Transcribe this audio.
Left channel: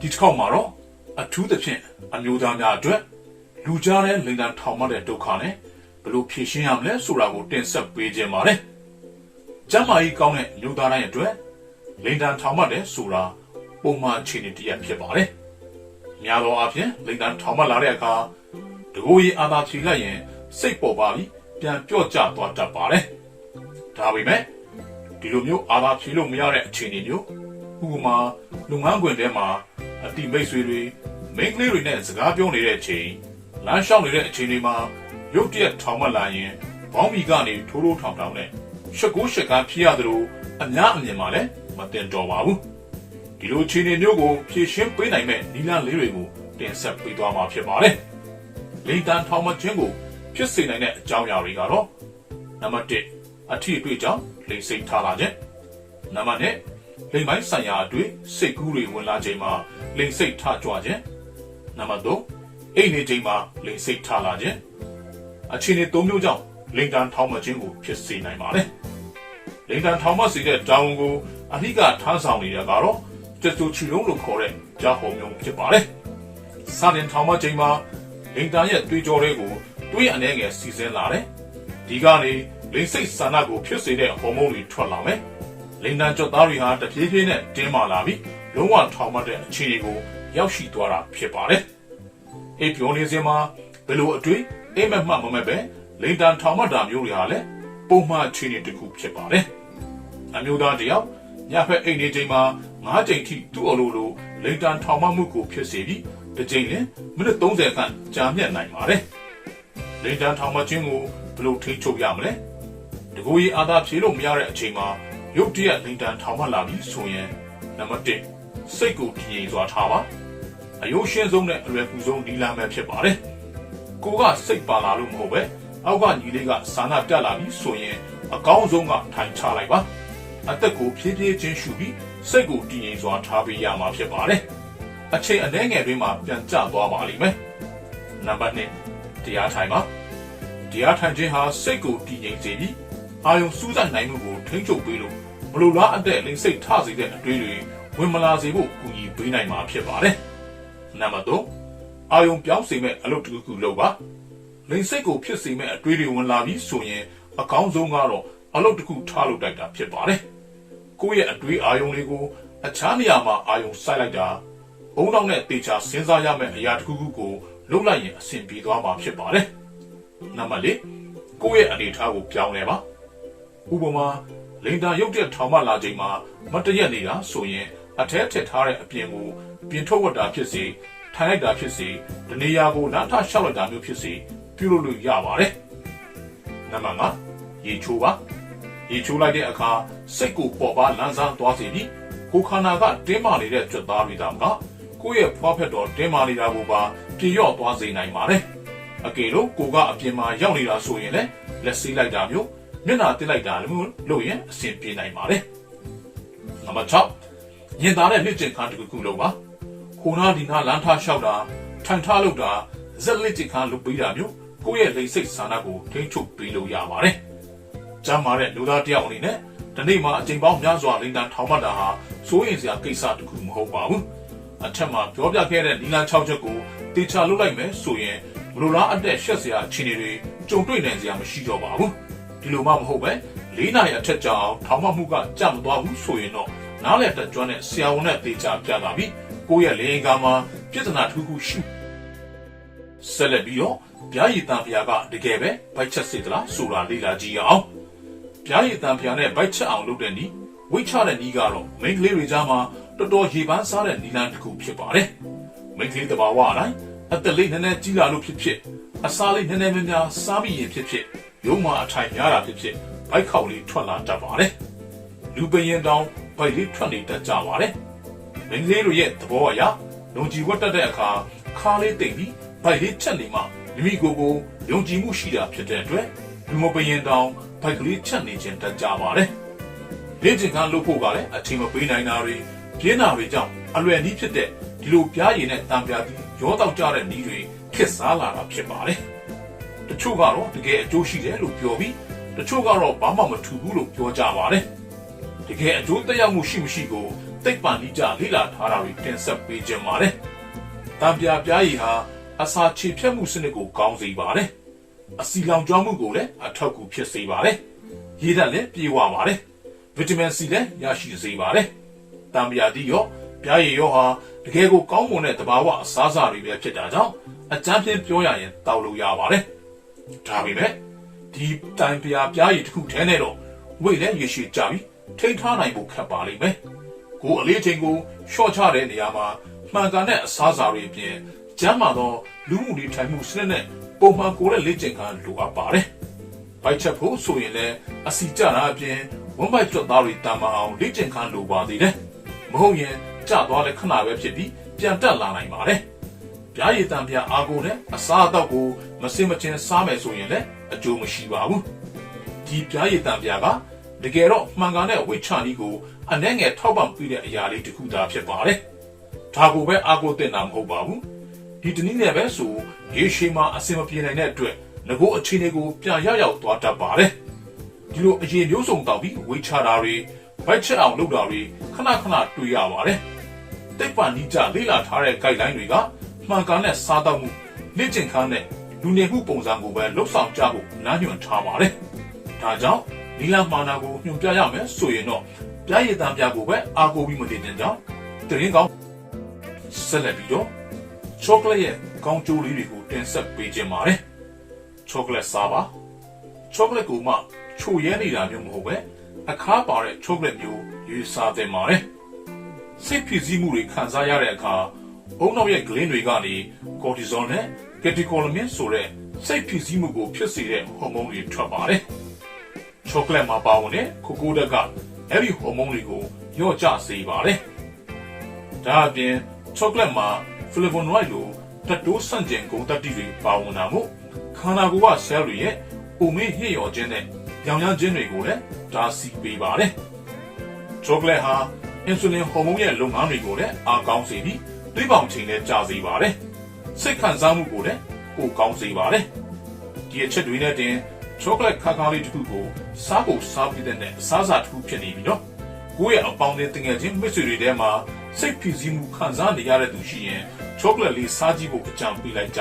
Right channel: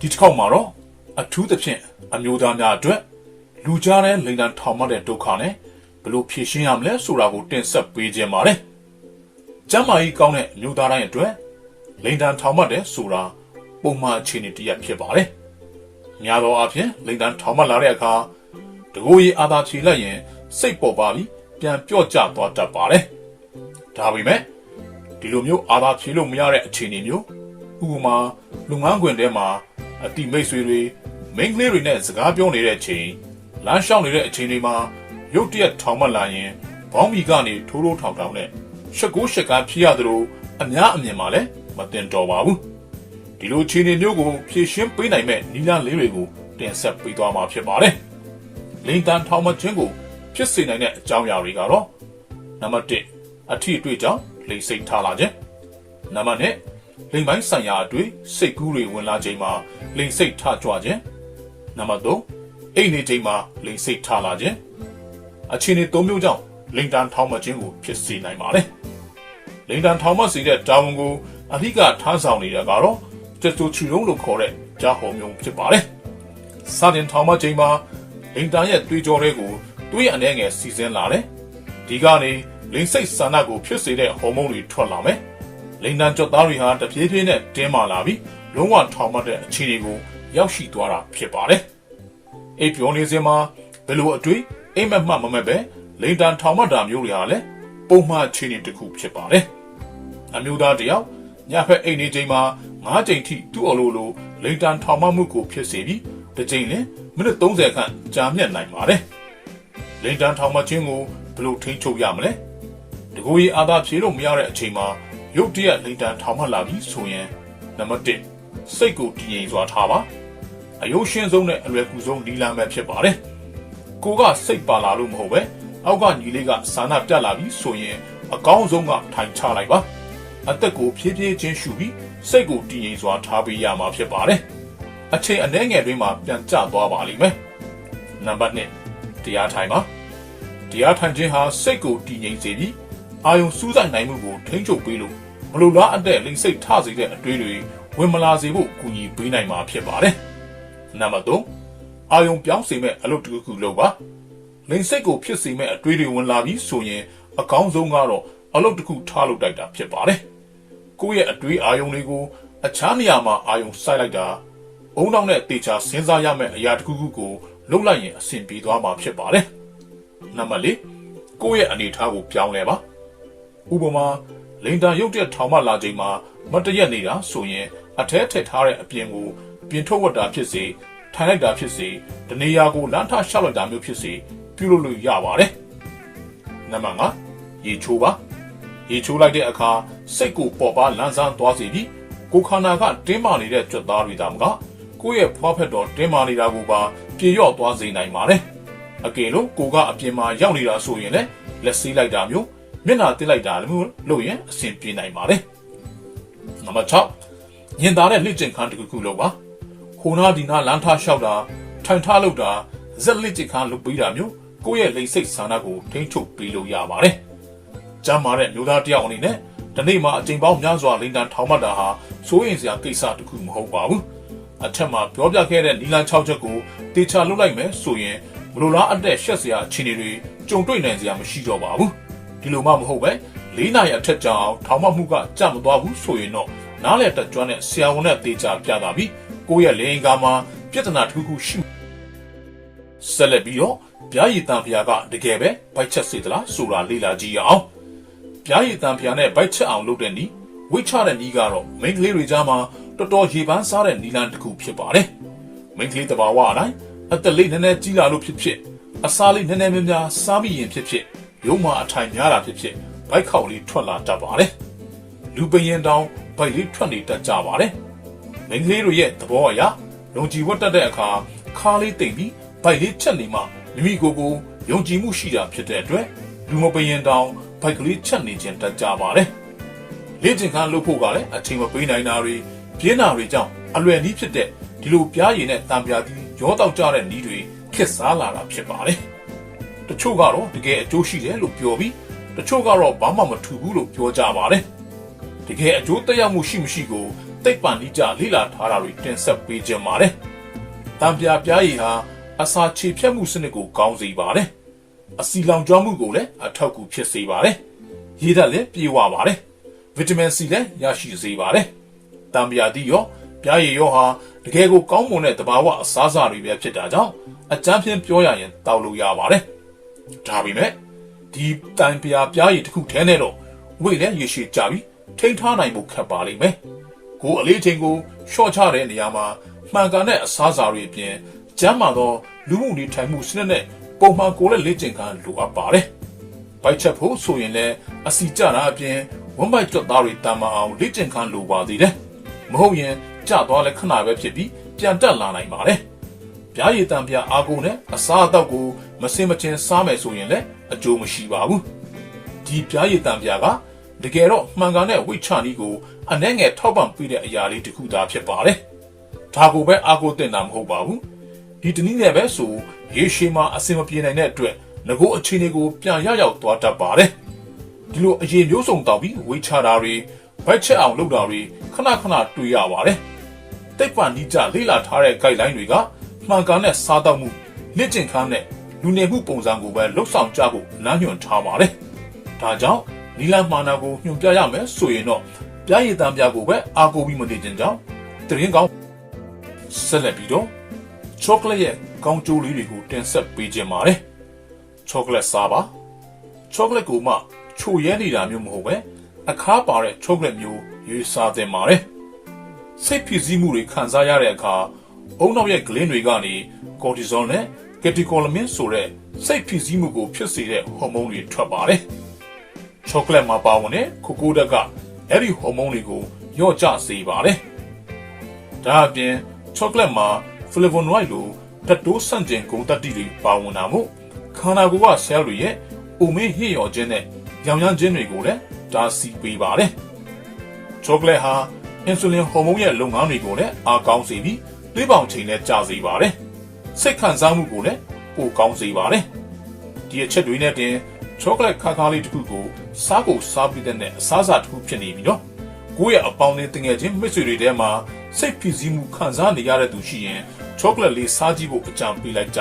ဒီတစ်ခေါက်မှာတော့အထူးသဖြင့်အမျိုးသားများအတွက်လူကြားတဲ့လိန်တန်ထောင်မှတ်တဲ့ဒုက္ခနဲ့ဘယ်လိုဖြေရှင်းရမလဲဆိုတာကိုတင်ဆက်ပေးခြင်းပါတယ်။ကျမ်းမာရေးကောင်းတဲ့အမျိုးသားတိုင်းအတွက်လိန်တန်ထောင်မှတ်တဲ့ဆိုတာပုံမှန်အခြေအနေတစ်ရပ်ဖြစ်ပါတယ်။ များသောအားဖြင့်လိန်တန်ထောင်မှတ်လာတဲ့အခါတကိုယ်ရည်အာသာချီလိုက်ရင် စိတ်ပေါ်ပါပြီးပြန်ပြော့ကျသွားတတ်ပါတယ်။ဒါပေမဲ့ဒီလိုမျိုးအာသာဖြေလို့မရတဲ့အခြေအနေမျိုးဥပမာလူငန်းခွင်ထဲမှာအတိမိတ်ဆွေတွေမိန်းကလေးတွေနဲ့စကားပြောနေတဲ့အချိန်လမ်းလျှောက်နေတဲ့အချိန်တွေမှာရုတ်တရက်ထောင်မလာရင်ဘောင်းဘီကနေထိုးထိုးထောင်ထောင်နဲ့ရှက်ကိုရှက်ကားဖြစ်ရသလိုအများအမြင်မှာလည်းမတင်တော်ပါဘူး ဒီလိုအခြေအနေမျိုးကိုဖြည့်ရှင်းပေးနိုင်မဲ့နီလာလေးတွေကိုတင်ဆက်ပေးသွားမှာဖြစ်ပါတယ်လိန်တန်ထောင်မခြင်းကိုဖြစ်စေနိုင်တဲ့အကြောင်းအရာတွေကတော့နံပါတ်1အထီးအတွေ့ကြောင့်လိမ်စိတ်ထားလာခြင်းနံပါတ်2လိမ်ပိုင်းဆိုင်ရာအတွေ့စိတ်ကူးတွေဝင်လာချိန်မှာလိမ်စိတ်ထကြွခြင်းနံပါတ်3အိမ်နေချိန်မှာလိမ်စိတ်ထလာခြင်းအခြေအနေ၃မျိုးကြောင့်လိမ်တန်ထောင်မခြင်းကိုဖြစ်စေနိုင်ပါတယ်လိမ်တန်ထောင်မစေတဲ့တာဝန်ကိုအဓိကထမ်းဆောင်နေတာကတော့ ကျတူချီလုံးလို့ခေါ်တဲ့ကြားဟောမျိုးဖြစ်ပါတယ်စာတင်ထောင်မခြင်းမှာလိမ်တန်ရဲ့တွေးကြောတွေကိုတွေးအနေငယ်စီစဉ်လာတယ်ဒီကနေလိမ်စိတ်ဆန္ဒကိုဖြစ်စေတဲ့ဟော်မုန်းတွေထွက်လာမယ်လိန်တန်ကြော့သားတွေဟာတဖြည်းဖြည်းနဲ့တင်းမာလာပြီးလုံးဝထောင်မတဲ့အခြေအနေကိုရောက်ရှိသွားတာဖြစ်ပါတယ်။အိပ်ပြောနေစဉ်မှာဘယ်လိုအတွေ့အိမ်မက်မှတ်မမက်ပဲလိန်တန်ထောင်မတာမျိုးတွေဟာလည်းပုံမှန်အခြေအနေတစ်ခုဖြစ်ပါတယ်။အမျိုးသားတယောက်ညဖက်အိမ်နေချိန်မှာ ၅ချိန်ထိသူ့အလိုလိုလိန်တန်ထောင်မမှုကိုဖြစ်စေပြီးတစ်ချိန်လမိနစ်30ခန့်ကြာမြင့်နိုင်ပါတယ်။လိန်တန်ထောင်မခြင်းကိုဘယ်လိုထိန်းချုပ်ရမလဲ။တကူကြီးအာသာဖြေလို့မရတဲ့အချိန်မှာရုတ်တရက်လိန်တန်ထောင်မှလာပြီဆိုရင်နံပါတ်1စိတ်ကိုတည်ငြိမ်စွာထားပါအယုရှင်းဆုံးနဲ့အလွယ်ကူဆုံးနီလာမဲ့ဖြစ်ပါတယ်ကိုကစိတ်ပါလာလို့မဟုတ်ပဲအောက်ကညီလေးကစာနာတက်လာပြီဆိုရင်အကောင်းဆုံးကထိုင်ချလိုက်ပါ အသက်ကိုဖြည်းဖြည်းချင်းရှုပြီးစိတ်ကိုတည်ငြိမ်စွာထားပေးရမှာဖြစ်ပါတယ်အချိန်အနည်းငယ်တွင်မှပြန်ကျသွားပါလိမ့်မယ်နံပါတ်2တရားထိုင်ပါတရားထိုင်ခြင်းဟာစိတ်ကိုတည်ငြိမ်စေပြီးအာယုံစူးစိုက်နိုင်မှုကိုထိန်းချုပ်ပေးလို့မလိုလားအပ်တဲ့လိမ်စိတ်ထစေတဲ့အတွေးတွေဝင်မလာစေဖို့ကူညီပေးနိုင်မှာဖြစ်ပါတယ်။နံပါတ်3အာယုံပြောင်းစေမဲ့အလုပ်တစ်ခုခုလုပ်ပါ။လိမ်စိတ်ကိုဖြစ်စေမဲ့အတွေးတွေဝင်လာပြီးဆိုရင်အကောင်းဆုံးကတော့အလုပ်တစ်ခုထားလုပ်တိုက်တာဖြစ်ပါတယ်။ ကိုယ့်ရဲ့အတွေးအာယုံတွေကိုအခြားနေရာမှာအာယုံစိုက်လိုက်တာအုံနောက်နဲ့တေချာစဉ်းစားရမယ့်အရာတစ်ခုခုကိုလုပ်လိုက်ရင်အဆင်ပြေသွားမှာဖြစ်ပါတယ်။နံပါတ်4ကိုယ့်ရဲ့အနေအထားကိုပြောင်းလဲပါ။ဥပမာလိန်တာရုပ်တက်ထောင်မလာချိန်မှာမတရက်နေတာဆိုရင်အထက်ထက်ထားတဲ့အပြင်ကိုပြင်ထုတ်ဝတ်တာဖြစ်စေထိုင်လိုက်တာဖြစ်စေတနေရာကိုလမ်းထလျှောက်လိုက်တာမျိုးဖြစ်စေပြုလုပ်လို့ရပါတယ်။နံပါတ်5ရေချိုးပါ ရေချိုးလိုက်တဲ့အခါစိတ်ကိုပေါ်ပါလန်းစားသွားစေပြီးကိုခန္ဓာကတင်းမာနေတဲ့ကြွသားတွေတောင်ကကိုယ့်ရဲ့ဖွားဖက်တော်တင်းမာနေတာကိုပါပြေလျော့သွားစေနိုင်ပါတယ်။အကယ်လို့ကိုကအပြင်မှာရောက်နေတာဆိုရင်လည်းလက်ဆေးလိုက်တာမျိုးမျက်နှာတက်လိုက်တာလို့လို့ရင်အဆင်ပြေနိုင်ပါတယ်။နံပါတ်6ညင်သားတဲ့လက်ကျင်ခန်းတစ်ခုခုလုပ်ပါ။ဟိုနာဒီနာလမ်းထားလျှောက်တာထိုင်ထားလုပ်တာဇက်လက်ကျင်ခန်းလုပ်ပေးတာမျိုးကိုယ့်ရဲ့လိမ်စိတ်ဆန္ဒကိုထိန်းချုပ်ပေးလို့ရပါတယ်။ ကျမ်းမာတဲ့လူသားတယောက်အနေနဲ့ဒီနေ့မှာအချိန်ပေါင်းများစွာလိမ်တန်ထောင်မှတ်တာဟာစိုးရင်စရာကိစ္စတစ်ခုမဟုတ်ပါဘူး။အထက်မှာပြောပြခဲ့တဲ့နီလန်6ချက်ကိုတေချာလုပ်လိုက်မယ်ဆိုရင်ဘလိုလားအသက်ရှက်စရာအခြေအနေတွေကြုံတွေ့နိုင်စရာမရှိတော့ပါဘူး။ဒီလိုမှမဟုတ်ပဲ၄နာရီအထက်ကြာအောင်ထောင်မှတ်မှုကကြမသွားဘူးဆိုရင်တော့နားလည်တကြွနဲ့ဆရာဝန်နဲ့တေချာပြတာပြီးကိုယ့်ရဲ့လေရင်ကားမှာပြဿနာတစ်ခုခုရှိဆက်လက်ပြီးတော့ဗျာရည်တန်ဖျားကတကယ်ပဲဘိုက်ချက်စေသလားဆိုတာလေ့လာကြည့်အောင် ဗျာရည်တန်ဖျားနဲ့ဘိုက်ချက်အောင်လုပ်တဲ့နီးဝိတ်ချတဲ့နီးကတော့မိန်းကလေးတွေကြားမှာတော်တော်ရေပန်းစားတဲ့နီလန်တစ်ခုဖြစ်ပါတယ်မိန်းကလေးတဘာဝအတိုင်းအသက်လေးနည်းနည်းကြီးလာလို့ဖြစ်ဖြစ်အစားလေးနည်းနည်းများများစားပြီးရင်ဖြစ်ဖြစ်ရုံးမအထိုင်များတာဖြစ်ဖြစ်ဘိုက်ခေါက်လေးထွက်လာတတ်ပါတယ်လူပရင်တောင်ဘိုက်လေးထွက်နေတတ်ကြပါတယ်မင်းကလေးတို့ရဲ့သဘောအရလုံကြည်ဝတ်တတ်တဲ့အခါခါလေးတိတ်ပြီးဘိုက်လေးချက်နေမှမိမိကိုယ်ကိုယုံကြည်မှုရှိတာဖြစ်တဲ့အတွက်လူမပရင်တောင် ဘိုက်ကလေးချက်နေခြင်းတတ်ကြပါတယ်လေ့ကျင့်ခန်းလုပ်ဖို့ကလည်းအချိန်မပေးနိုင်တာတွေပြင်းနာတွေကြောင့်အလွယ်နည်းဖြစ်တဲ့ဒီလိုပြားရည်နဲ့တံပြားသည်ရောတောက်ကြတဲ့နည်းတွေခစ်စားလာတာဖြစ်ပါတယ်။တချို့ကတော့တကယ်အကျိုးရှိတယ်လို့ပြောပြီးတချို့ကတော့ဘာမှမထူဘူးလို့ပြောကြပါတယ်။တကယ်အကျိုးသက်ရောက်မှုရှိမရှိကိုသိပ္ပံနည်းကြလေ့လာထားတာတွေတင်ဆက်ပေးခြင်းပါတယ်။တံပြားပြားရည်ဟာအစာခြေဖြတ်မှုစနစ်ကိုကောင်းစေပါတယ်။ အစီလောင်ကျွမ်းမှုကိုလည်းအထောက်အကူဖြစ်စေပါတယ်။ရေဓာတ်လည်းပြေဝပါတယ်။ဗီတာမင်စီလည်းရရှိစေပါတယ်။တံပြားတိရောပြားရည်ရောဟာတကယ်ကိုကောင်းမွန်တဲ့တဘာဝအစားအစာတွေပဲဖြစ်တာကြောင့်အကြမ်းဖျင်းပြောရရင်တောက်လို့ရပါတယ်။ဒါပေမဲ့ဒီတိုင်ပြားပြားရည်တစ်ခုထဲနဲ့တော့ဝိတ်လည်းရေရှည်ကြပြီးထိန်းထားနိုင်ဖို့ခက်ပါလိမ့်မယ်။ကိုယ်အလေးချိန်ကိုရှော့ချတဲ့နေရာမှာမှန်ကန်တဲ့အစားအစာတွေအပြင် ကျန်းမာသောလူမှုနေထိုင်မှုစနစ်နဲ့ပုံမှန်ကိုယ်ရဲ့လေ့ကျင့်ခန်းလိုအပ်ပါတယ်။ဘိုက်ချက်ဖို့ဆိုရင်လည်းအစီကျတာအပြင်ဝမ်းဘိုက်ကျွတ်သားတွေတန်မအောင်လေ့ကျင့်ခန်းလိုပါသေးတယ်။မဟုတ်ရင်ကျသွားလဲခဏပဲဖြစ်ပြီးပြန်တက်လာနိုင်ပါတယ်။ပြားရည်တံပြားအာကိုနဲ့အစားအသောက်ကိုမစင်မချင်းစားမယ်ဆိုရင်လည်းအကျိုးမရှိပါဘူး။ဒီပြားရည်တံပြားကတကယ်တော့မှန်ကန်တဲ့ဝိချာနီကိုအနှဲငယ်ထောက်ပံ့ပေးတဲ့အရာလေးတစ်ခုသာဖြစ်ပါတယ်။ဒါကိုပဲအာကိုတင်တာမဟုတ်ပါဘူး။ ဒီတနည်းနဲ့ပဲဆိုရေရှည်မှာအစင်မပြေနိုင်တဲ့အတွက်ငကိုအခြေအနေကိုပြန်ရရောက်သွားတတ်ပါတယ်။ဒီလိုအရင်မျိုးစုံတောင်ပြီးဝိချာတာတွေဘက်ချက်အောင်လုပ်တာတွေခဏခဏတွေ့ရပါတယ်။တိတ်ပန်နီးကြလေ့လာထားတဲ့ guideline တွေကမှန်ကန်တဲ့စားတောက်မှုလက်ကျင့်ခန်းနဲ့လူနေမှုပုံစံကိုပဲလှုပ်ဆောင်ကြဖို့လမ်းညွှန်ထားပါတယ်။ဒါကြောင့်နီလာမာနာကိုညွှန်ပြရမယ်ဆိုရင်တော့ပြားရည်တံပြားကိုပဲအားကိုးပြီးမနေကြကြောင်းတရင်ကောင်းဆက်လက်ပြီးတော့ chocolate ရဲ့ကောင်းကျိုးလေးတွေကိုတင်ဆက်ပေးခြင်းပါတယ်။ chocolate စားပါ chocolate ကိုမှချိုရဲနေတာမျိုးမဟုတ်ပဲအခါပါတဲ့ chocolate မျိုးရွေးစားသင့်ပါတယ်။စိတ်ဖြစ်စည်းမှုတွေခံစားရတဲ့အခါအုံနောက်ရဲ့ဂလင်းတွေကနေ cortisol နဲ့ catecholamine ဆိုတဲ့စိတ်ဖြစ်စည်းမှုကိုဖြစ်စေတဲ့ဟော်မုန်းတွေထွက်ပါတယ်။ chocolate မှာပါဝင်တဲ့ကိုကိုဓာတ်ကအဲ့ဒီဟော်မုန်းတွေကိုညော့ကျစေပါတယ်။ဒါအပြင် chocolate မှာ flavonoid လိုဓာတ်တိုးဆန့်ကျင်ဂုဏ်သတ္တိတွေပါဝင်တာမို့ခန္ဓာကိုယ်က cell တွေရဲ့ဥမင်းဟစ်ရော်ခြင်းနဲ့ရောင်ရမ်းခြင်းတွေကိုလည်းတားဆီးပေးပါတယ်။ chocolate ဟာ insulin ဟော်မုန်းရဲ့လုပ်ငန်းတွေကိုလည်းအားကောင်းစေပြီးသွေးပေါင်ချိန်လည်းကျစေပါတယ်။စိတ်ခံစားမှုကိုလည်းပိုကောင်းစေပါတယ်။ဒီအချက်တွေနဲ့တင် chocolate ခါခါလေးတစ်ခုကိုစားကိုစားပြီးတဲ့အစားအစာတစ်ခုဖြစ်နေပြီနော်။ ကိုယ့်ရဲ့အပေါင်းနဲ့တငယ်ချင်းမိတ်ဆွေတွေထဲမှာစိတ်ဖိစီးမှုခံစားနေရတဲ့သူရှိရင် chocolate လေးစားကြည့်ဖို့အကြံပေးလိုက်ကြ